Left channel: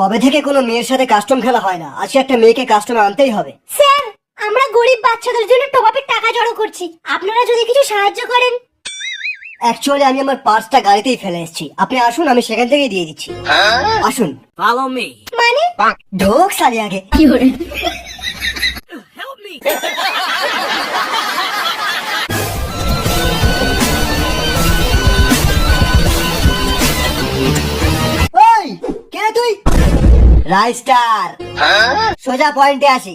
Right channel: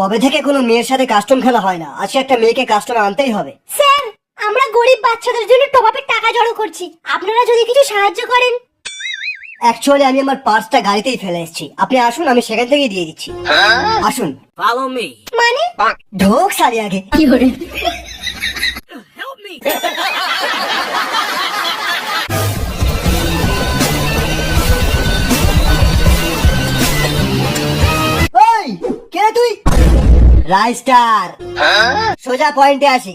কবে থেকে কোনো মেয়ের সাথে কাস্টম খেলা হয় না, আজকে একটা মেয়েকে কাস্টমে আনতেই হবে। স্যার, আমরা গরিব বাচ্চাদের জন্য টপাপের টাকা জড়ো করছি, আপনারা যদি কিছু সাহায্য করেন। অ্যাকচুয়ালি আমি আমার পার্সটা গাড়িতেই ফেলে এসেছি, আপনি আসুন আমি সেখান থেকেই দিয়ে দিচ্ছি। আসুন। Follow me. মানে ঢোক সালি আগে। কি করে? Help me. ওই কে তুই? রাইস্টার। সোজা পয়েন্টে আসি।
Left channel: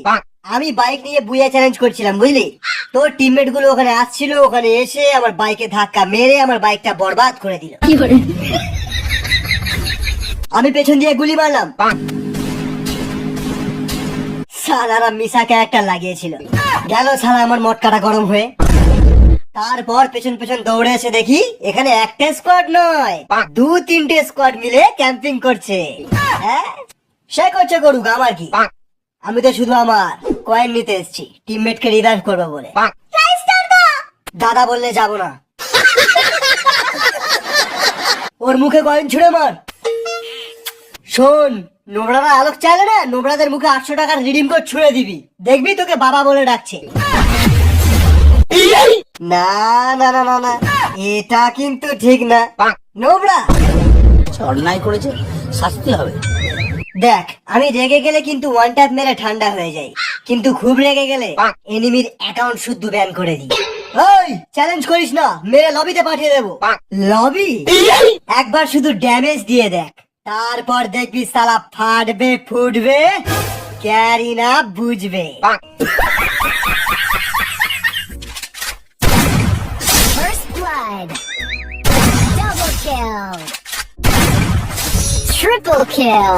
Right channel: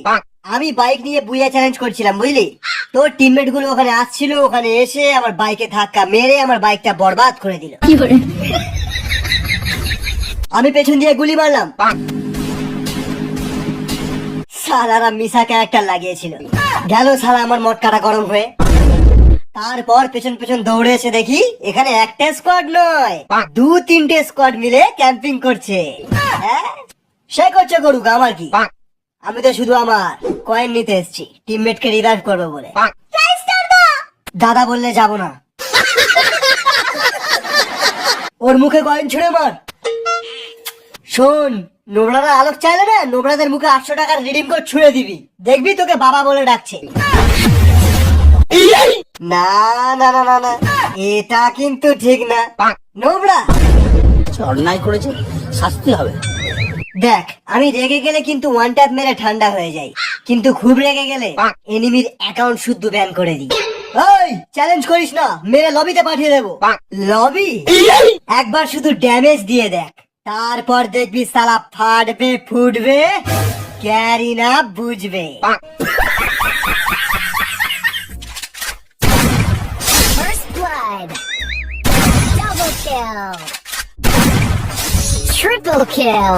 আমি বাইক নিয়ে বুয়া চ্যালেঞ্জ করছিলাম বুঝলি, তোর টিমমেট গুলো ওখানে আসছিল, ওখানে এসে আমার বাইকে ধাক্কা মেরে আমার বাইকটা বরবাদ করে দিল। কি করে? আমি পেছন দিয়ে গুলি মারলাম, সালারা মিশা ক্যারেক্টার লাগিয়েছিল, গেল সালা আমার মটকাটা গরম হয়ে। তারপর পেছন পেছন দৌড়ে এসে দেখি এখানে একটা স্কোয়াড নয়, 2-3টে স্কোয়াড মিলে ক্যাম্পিং করছে। হ্যাঁ, সে করছে করুক, আমার কি, আমি তো শুধু আমার কয়েন নিতে এসেছি টিমমেট কে রিভাইভ করবো বলে। দাদা বললে যাবো না। ওর মুখে কয়েন ছুড়ে মার। শোন, নোবরারা আলোক চাইলে না, নোবরাদের মুখে 800 টাকার রিডিম কোড ছুড়ে দিবি, দেখবি তোকে বাবা বলে ডাকছে। না না না না না, এটা কিন্তু ঠিক না। নোবরা অন্যায় করেছে, শাস্তি হবে। দেখ, আমি রেগে গেলে কিন্তু ওয়ান ট্যাপ মেরে ঠান্ডা হয়ে যাই, কিন্তু খুব রেগে গেলে এনিমির অ্যাকাউন্ট শুদ্ধ ব্যান করে দিই। ওই চ্যালেঞ্জ করিস না, মেরে লবিতে পাঠিয়ে দেবো। লবি? একবার শুধু ড্যামেজ দিয়ে দেখ, তারপর দেখবি সালা ফাটবে ফুটবে, ক্যারি না বুঝবে। First blood. Double kill. Triple kill.